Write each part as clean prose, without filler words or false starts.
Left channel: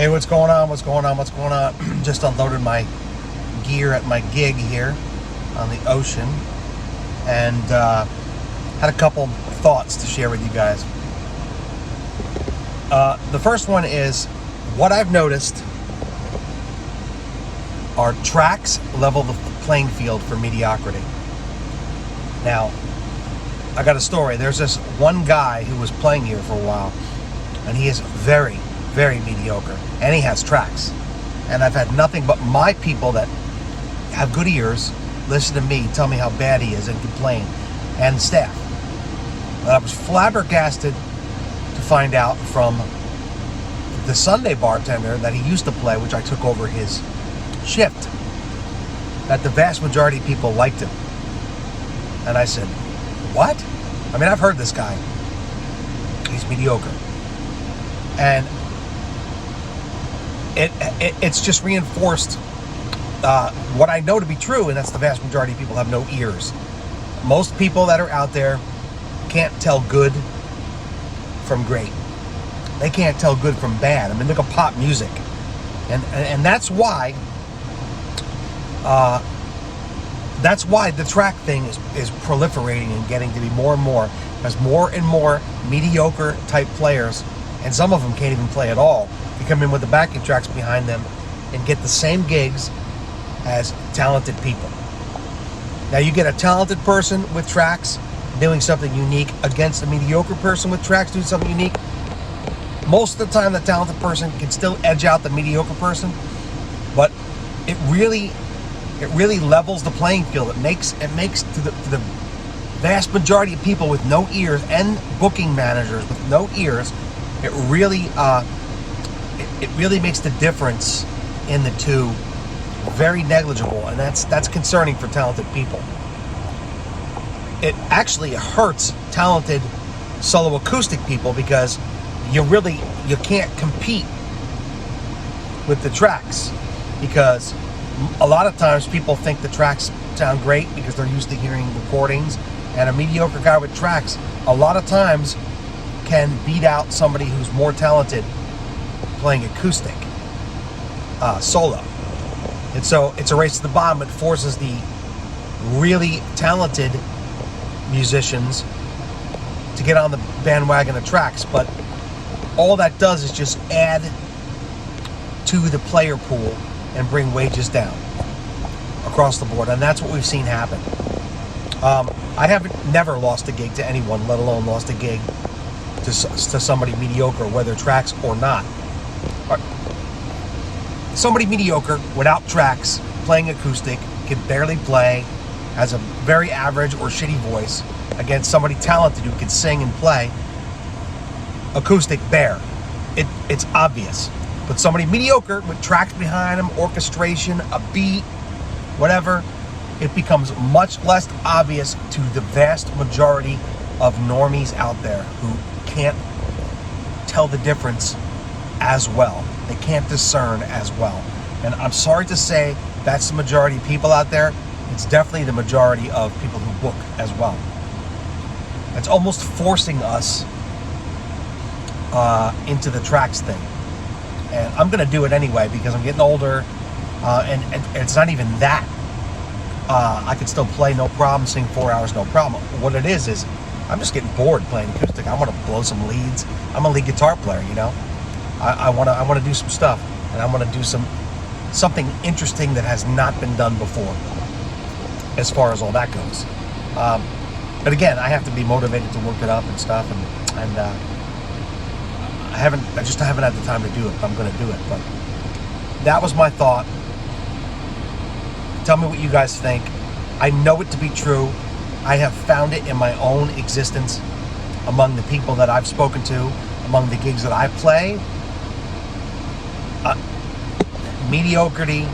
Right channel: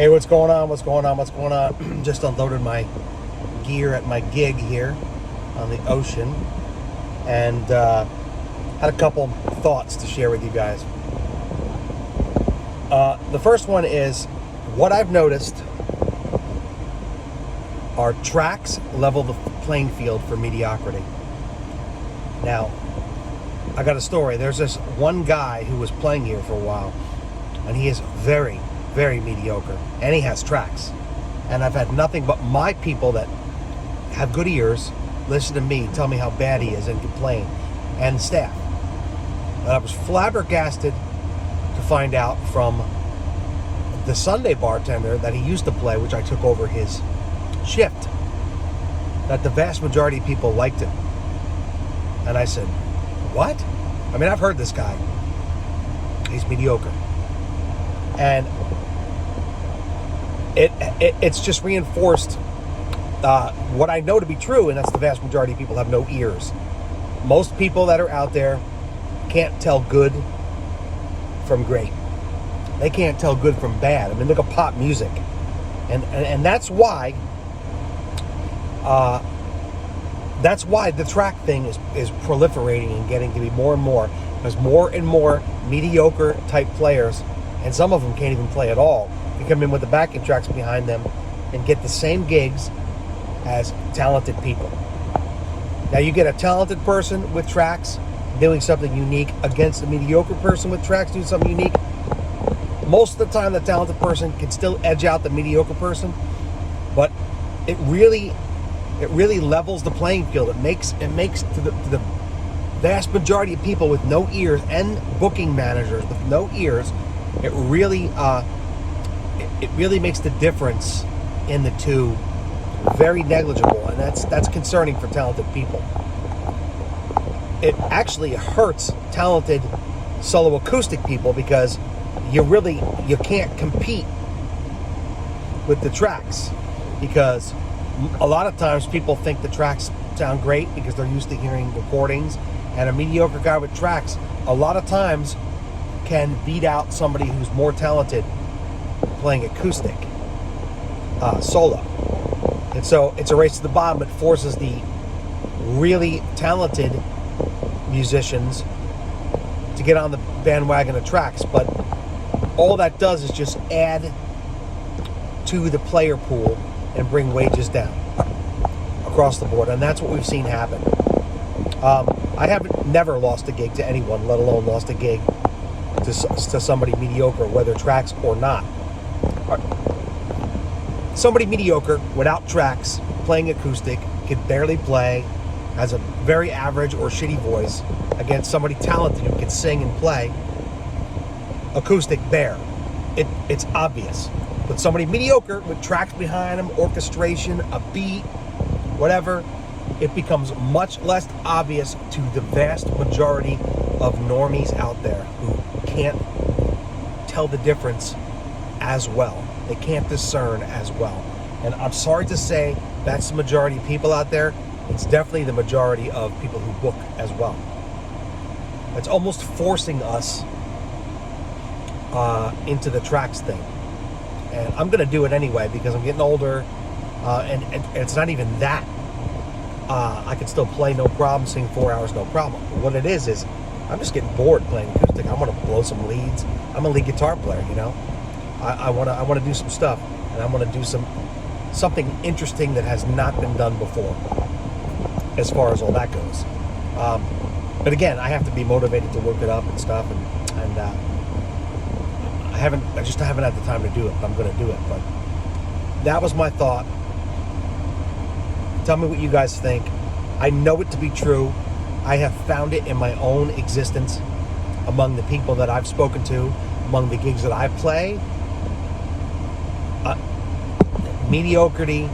Hey, what's going on? What's going on? What's going on? Just unloaded my gear at my gig here on the ocean, and had a couple thoughts to share with you guys. The first one is what I've noticed are tracks level the playing field for mediocrity. Now, I got a story. There's this one guy who was playing here for a while, and he is very, very mediocre, and he has tracks. And I've had nothing but my people that have good ears listen to me tell me how bad he is and complain, and staff. But I was flabbergasted to find out from the Sunday bartender that he used to play, which I took over his shift, that the vast majority of people liked him. And I said, what? I mean, I've heard this guy. He's mediocre. And it's just reinforced what I know to be true, and that's the vast majority of people have no ears. Most people that are out there can't tell good from great. They can't tell good from bad. I mean, look at pop music. And that's why the track thing is proliferating and getting to be more and more, as more and more mediocre type players, and some of them can't even play at all, they come in with the backing tracks behind them and get the same gigs as talented people. Now you get a talented person with tracks doing something unique against a mediocre person with tracks doing something unique. Most of the time the talented person can still edge out the mediocre person, but it really levels the playing field. It makes to the vast majority of people with no ears and booking managers with no ears, it really makes the difference in the two very negligible, and that's concerning for talented people. It actually hurts talented solo acoustic people because you can't compete with the tracks, because a lot of times people think the tracks sound great because they're used to hearing recordings, and a mediocre guy with tracks a lot of times can beat out somebody who's more talented playing acoustic solo. And so it's a race to the bottom. It forces the really talented musicians to get on the bandwagon of tracks, but all that does is just add to the player pool and bring wages down across the board, and that's what we've seen happen. I haven't never lost a gig to anyone, let alone lost a gig to somebody mediocre, whether tracks or not. Somebody mediocre without tracks, playing acoustic, can barely play, has a very average or shitty voice, against somebody talented who can sing and play acoustic bare. It's obvious. But somebody mediocre with tracks behind them, orchestration, a beat, whatever, it becomes much less obvious to the vast majority of normies out there who can't tell the difference as well. They can't discern as well. And I'm sorry to say that's the majority of people out there. It's definitely the majority of people who book as well. It's almost forcing us into the tracks thing. And I'm gonna do it anyway because I'm getting older, and it's not even that. I can still play no problem, sing 4 hours no problem. What it is I'm just getting bored playing acoustic. I want to blow some leads. I'm a lead guitar player, you know. I want to do some stuff, and I want to do something interesting that has not been done before, as far as all that goes. But again, I have to be motivated to work it up and stuff, and I just haven't had the time to do it. But I'm going to do it. But that was my thought. Tell me what you guys think. I know it to be true. I have found it in my own existence, among the people that I've spoken to, among the gigs that I play. Mediocrity,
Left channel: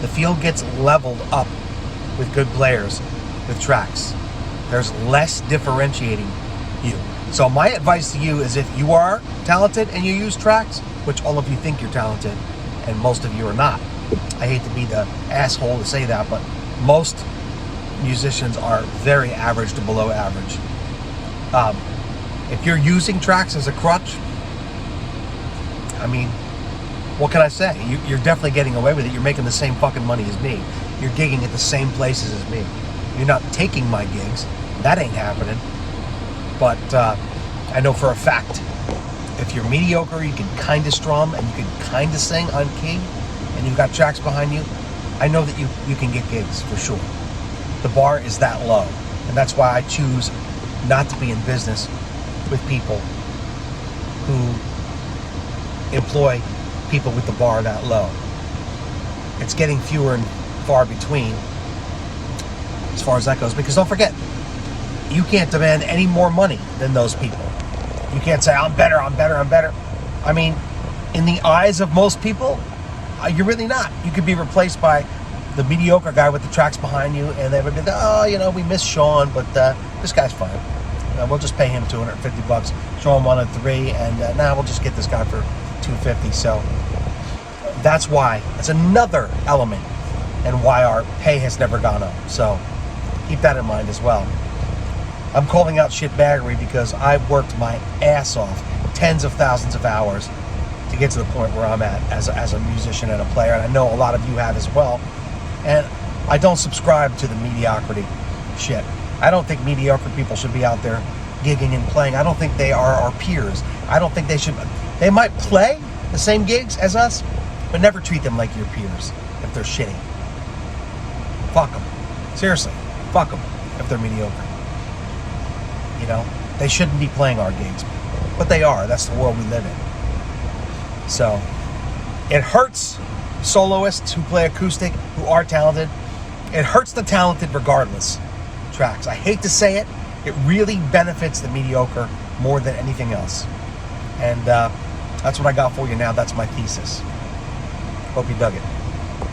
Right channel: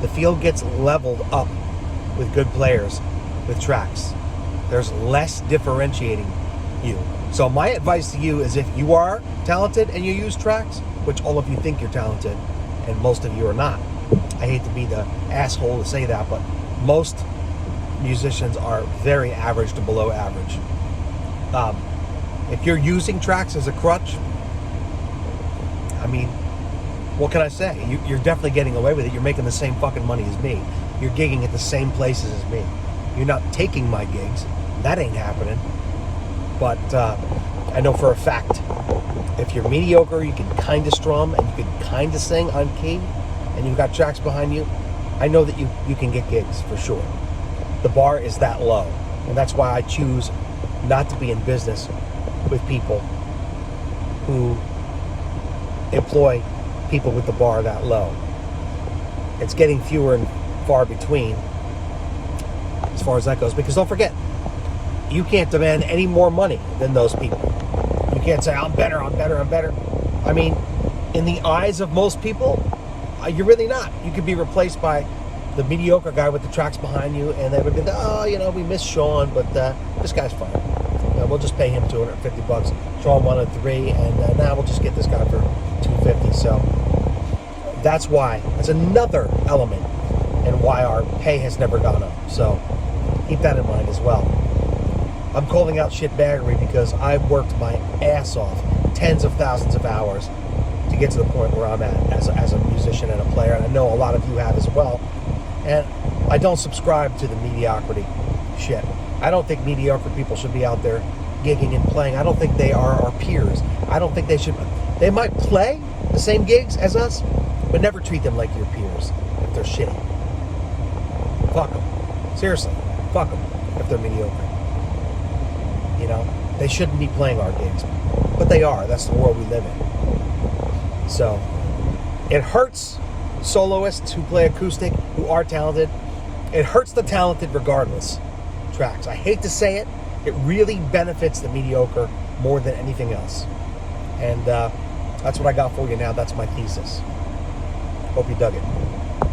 the field gets leveled up with good players, with tracks. There's less differentiating you. So my advice to you is, if you are talented and you use tracks, which all of you think you're talented, and most of you are not. I hate to be the asshole to say that, but most musicians are very average to below average. If you're using tracks as a crutch, I mean, what can I say? You're definitely getting away with it. You're making the same fucking money as me. You're gigging at the same places as me. You're not taking my gigs. That ain't happening. But I know for a fact, if you're mediocre, you can kind of strum and you can kind of sing on key, and you've got tracks behind you, I know that you can get gigs for sure. The bar is that low. And that's why I choose not to be in business with people who employ people with the bar that low. It's getting fewer and far between as far as that goes, because don't forget, you can't demand any more money than those people. You can't say, I'm better. I mean, in the eyes of most people, you're really not. You could be replaced by the mediocre guy with the tracks behind you, and they would be like, oh, we miss Sean, but this guy's fine. We'll just pay him $250. Sean wanted 3, and now we'll just get this guy for $250. So that's why. That's another element and why our pay has never gone up. So keep that in mind as well. I'm calling out shitbaggery because I've worked my ass off, tens of thousands of hours, to get to the point where I'm at as a musician and a player, and I know a lot of you have as well. And I don't subscribe to the mediocrity shit. I don't think mediocre people should be out there gigging and playing. I don't think they are our peers. I don't think they should. They might play the same gigs as us, but never treat them like your peers if they're shitty. Fuck them. Seriously, fuck them if they're mediocre. They shouldn't be playing our gigs, but they are. That's the world we live in. So it hurts soloists who play acoustic, who are talented. It hurts the talented regardless tracks. I hate to say it. It really benefits the mediocre more than anything else. And that's what I got for you now. That's my thesis. Hope you dug it.